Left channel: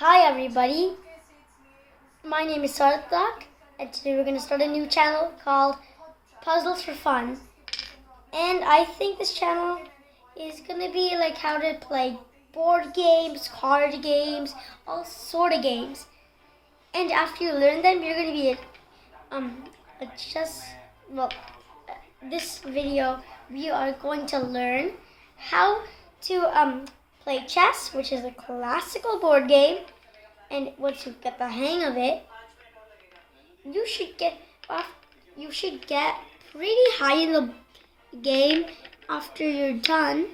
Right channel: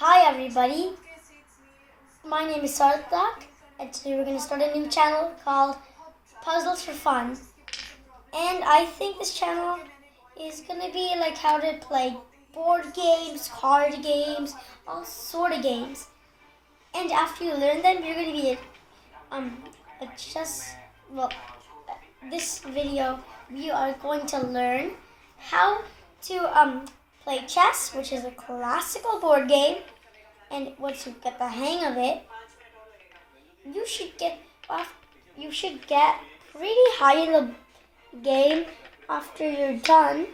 Hi everybody, my name is Sarthak and today we're going to start a new channel called Puzzles for Fun. And I think this channel is going to be like how to play board games, card games, all sort of games. And after you learn them, you're going to be this video we are going to learn how to play chess, which is a classical board game. And once you get the hang of it, you should get pretty high in the game after you're done.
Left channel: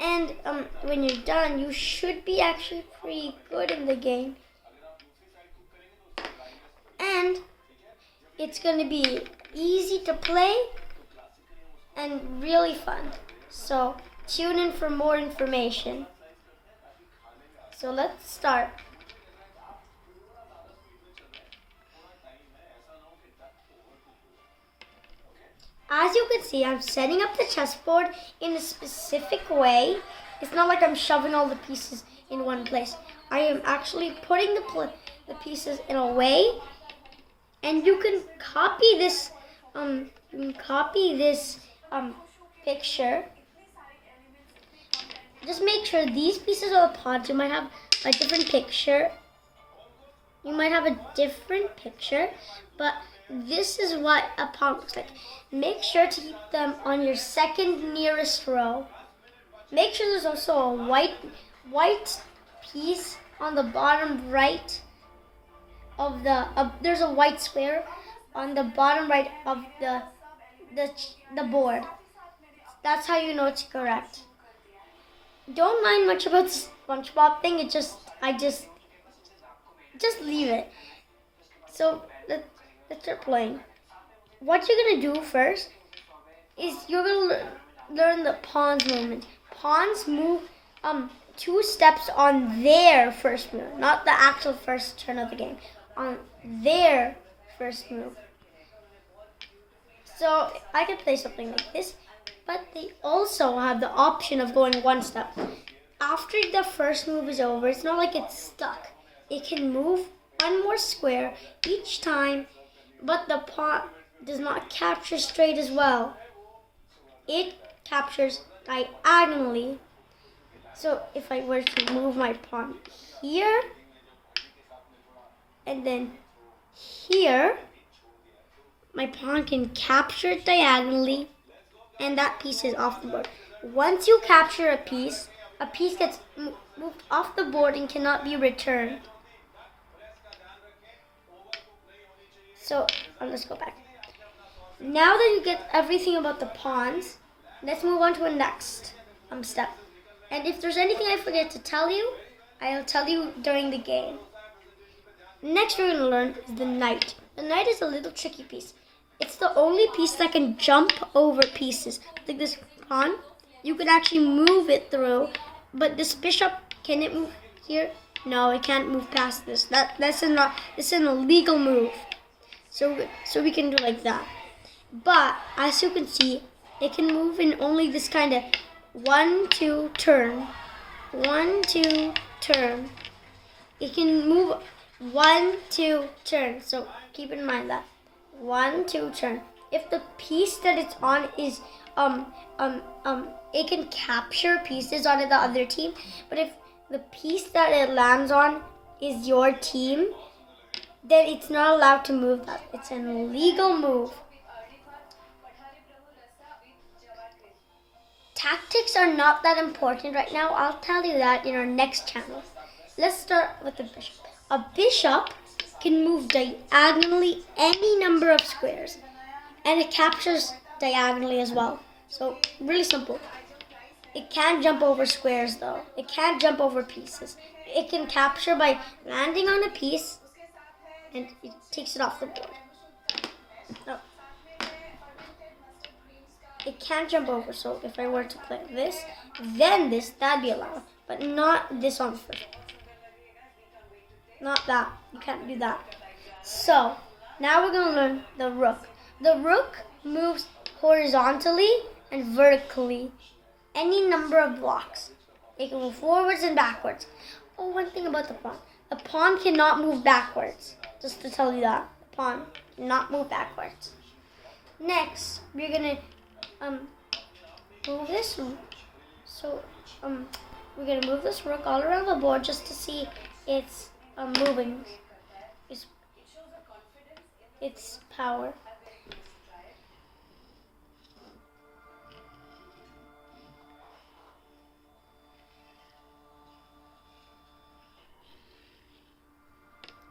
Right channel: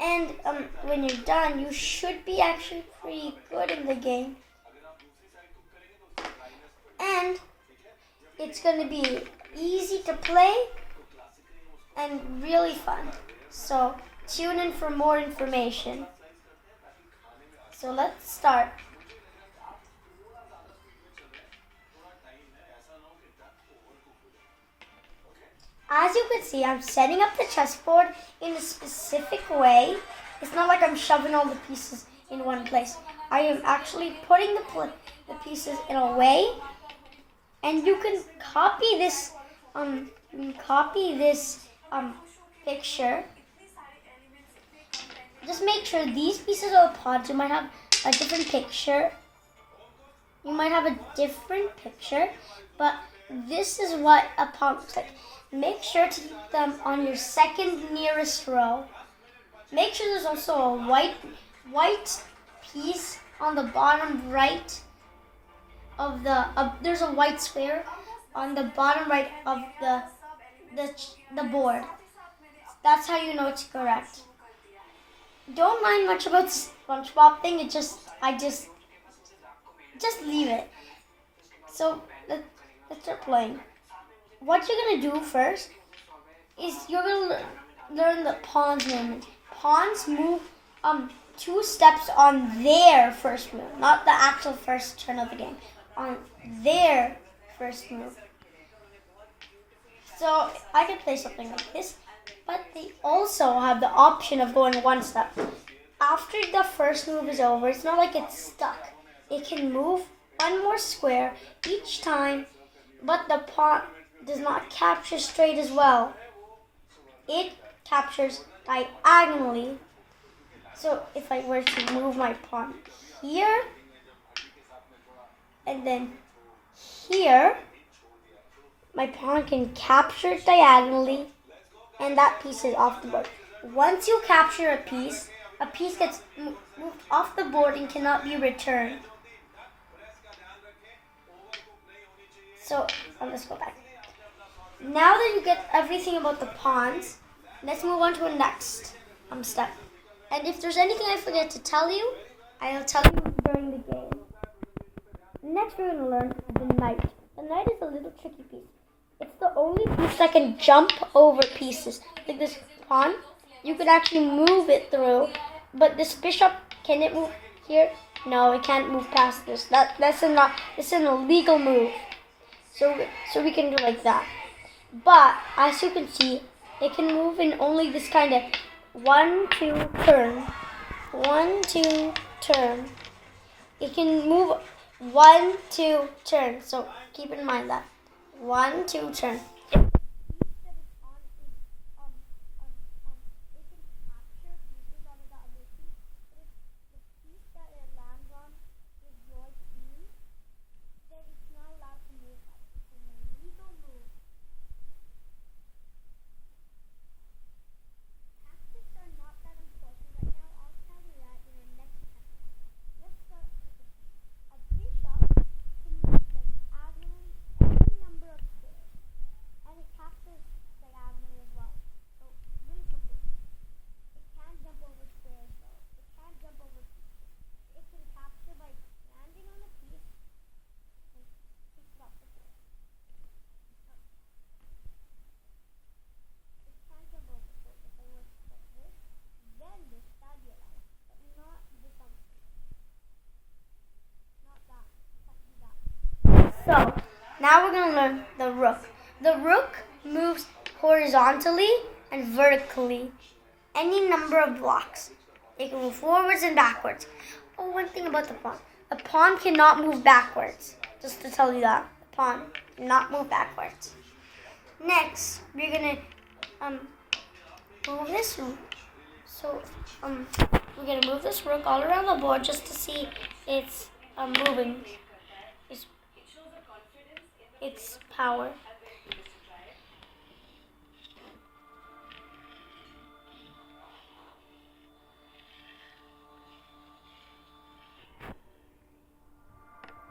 And when you're done, you should be actually pretty good in the game. And it's going to be easy to play and really fun. So tune in for more information. So let's start. As you can see, I'm setting up the chessboard in a specific way. It's not like I'm shoving all the pieces in one place. I am actually putting the pieces in a way, and you can copy this picture. Just make sure these pieces are the pawns. You might have a different picture. But this is what a pawn looks like. Make sure to keep them on your second nearest row. Make sure there's also a white piece on the bottom right of there's a white square on the bottom right of the board. That's how you know it's correct. Don't mind much about the SpongeBob thing. I just leave it. So let's start playing. What you're gonna do first is you're gonna learn the pawns movement. Pawns move 2 steps on their first move, not the actual first turn of the game. On their first move. So I could play something like this, but they also have the option of going 1 step. After the first move is over, it's not like it's stuck. It can move 1 more square each time, but the pawn does not capture straight as well. It captures diagonally. So if I were to move my pawn here, and then here, my pawn can capture it diagonally, and that piece is off the board. Once you capture a piece gets moved off the board and cannot be returned. So let's go back. Now that you get everything about the pawns, let's move on to the next step. And if there's anything I forget to tell you, I'll tell you during the game. Next we're going to learn is the knight. The knight is a little tricky piece. It's the only piece that can jump over pieces. Like this pawn, you can actually move it through, but this bishop, can it move here? No, it can't move past this. This is an illegal move. So we can do like that. But as you can see, it can move in only this kind of 1, 2 turn. 1, 2 turn. It can move 1, 2 turn. So keep in mind that 1, 2 turn. If the piece that it's on is it can capture pieces on the other team. But if the piece that it lands on is your team, then it's not allowed to move that. It's an illegal move. Tactics are not that important right now. I'll tell you that in our next channel. Let's start with the bishop. A bishop can move diagonally any number of squares, and it captures diagonally as well. So really simple. It can't jump over squares though. It can't jump over pieces. It can capture by landing on a piece, and it takes it off the board. No. It can't jump over, so if I were to play this, then this, that'd be allowed. But not this on first. Not that. You can't do that. So, now we're going to learn the rook. The rook moves horizontally and vertically any number of blocks. It can move forwards and backwards. Oh, one thing about the pawn. A pawn cannot move backwards. Just to tell you that. A pawn cannot move backwards. Next, we're gonna move this one. So we're gonna move this rook all around the board just to see its moving, its power.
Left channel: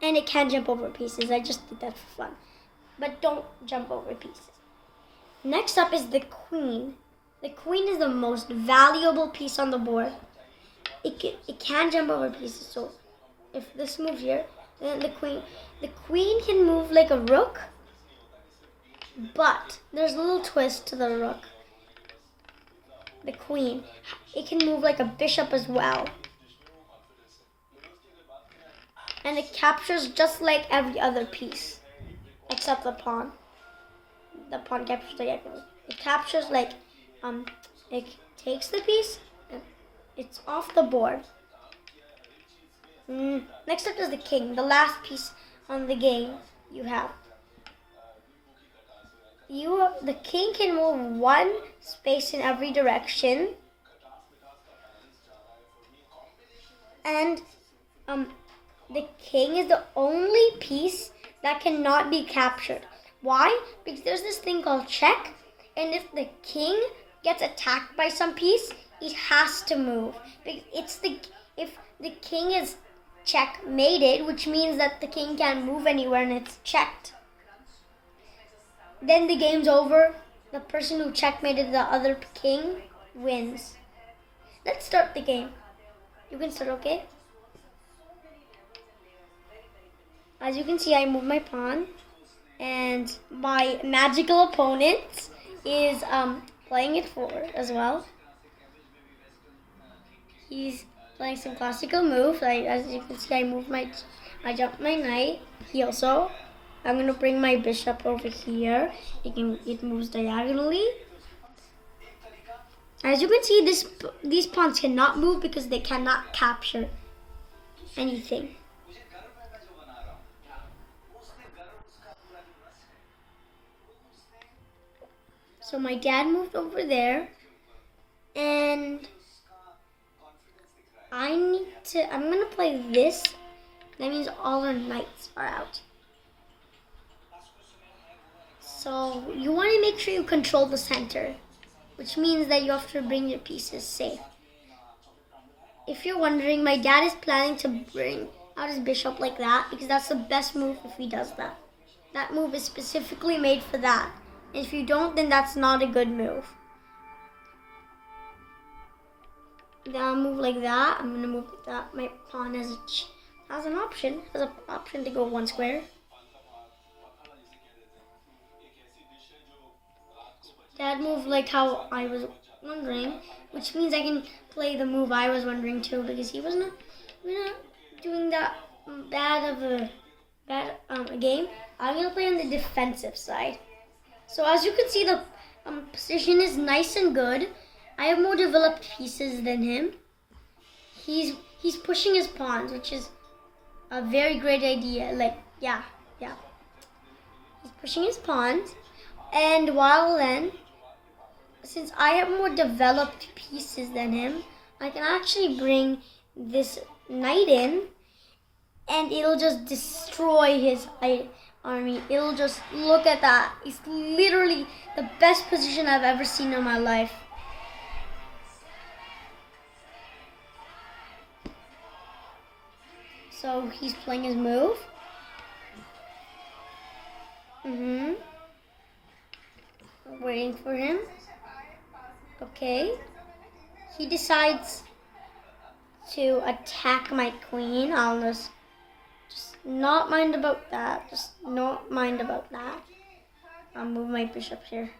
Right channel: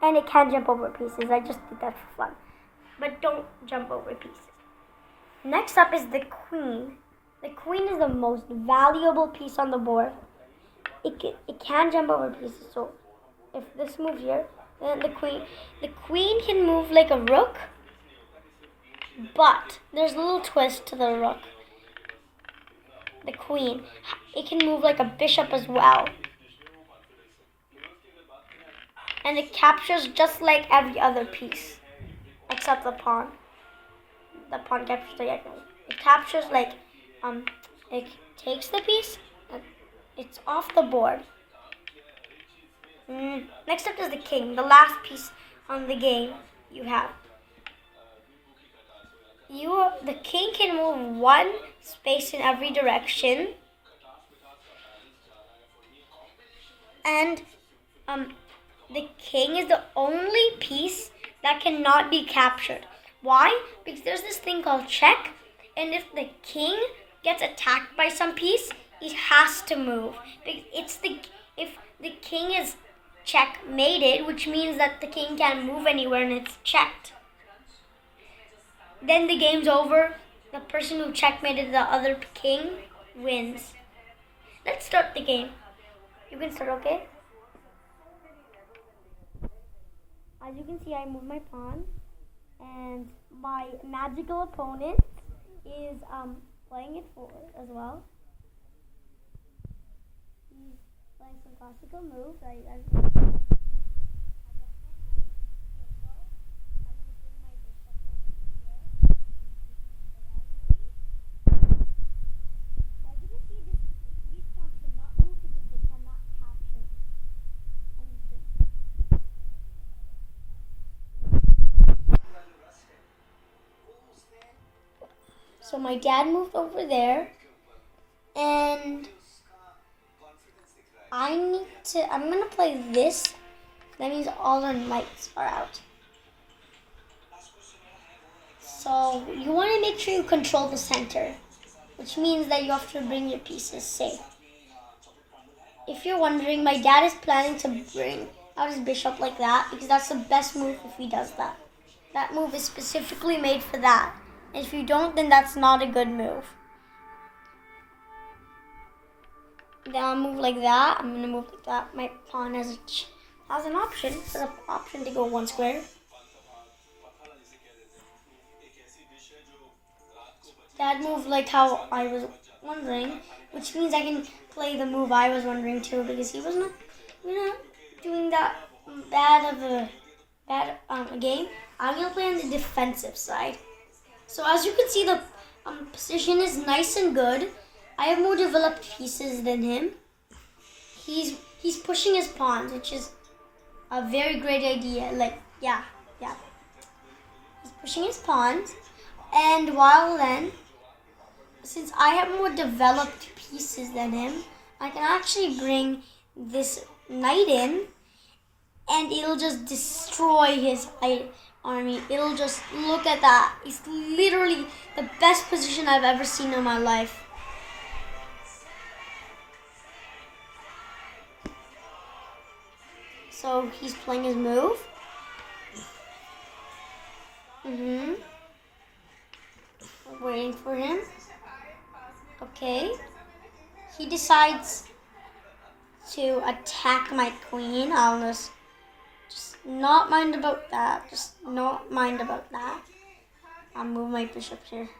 And it can jump over pieces. I just did that for fun. But don't jump over pieces. Next up is the queen. The queen is the most valuable piece on the board. It can jump over pieces. So if this moves here, then the queen can move like a rook. But there's a little twist to the rook. The queen, it can move like a bishop as well. And it captures just like every other piece, except the pawn. The pawn captures diagonally. It captures like, it takes the piece and it's off the board. Next up is the king, the last piece on the game you have. The king can move one space in every direction, and the king is the only piece that cannot be captured. Why? Because there's this thing called check, and if the king gets attacked by some piece, it has to move. If the king is checkmated, which means that the king can't move anywhere and it's checked, then the game's over. The person who checkmated the other king wins. Let's start the game. You can start, okay? As you can see, I moved my pawn, and my magical opponent is playing it forward as well. He's playing some classical moves. As you can see, I jumped my knight. He also. I'm gonna bring my bishop over here. It moves diagonally. As you can see, these pawns cannot move because they cannot capture anything. So my dad moved over there, and I'm gonna play this. That means all the knights are out. So you want to make sure you control the center, which means that you have to bring your pieces safe. If you're wondering, my dad is planning to bring out his bishop like that because that's the best move if he does that. That move is specifically made for that. And if you don't, then that's not a good move. Then I'll move like that. I'm going to move like that. My pawn has an option. Has an option to go one square. Dad moved like how I was wondering, which means I can play the move I was wondering too, because he was not doing that bad of a game. I'm gonna play on the defensive side. So as you can see, the position is nice and good. I have more developed pieces than him. He's pushing his pawns, which is a very great idea. Yeah. He's pushing his pawns, and while then, since I have more developed pieces than him, I can actually bring this knight in, and it'll just destroy his army. It'll just, look at that. It's literally the best position I've ever seen in my life. So he's playing his move. Waiting for him. Okay. He decides to attack my queen. I'll just not mind about that. I'll move my bishop here.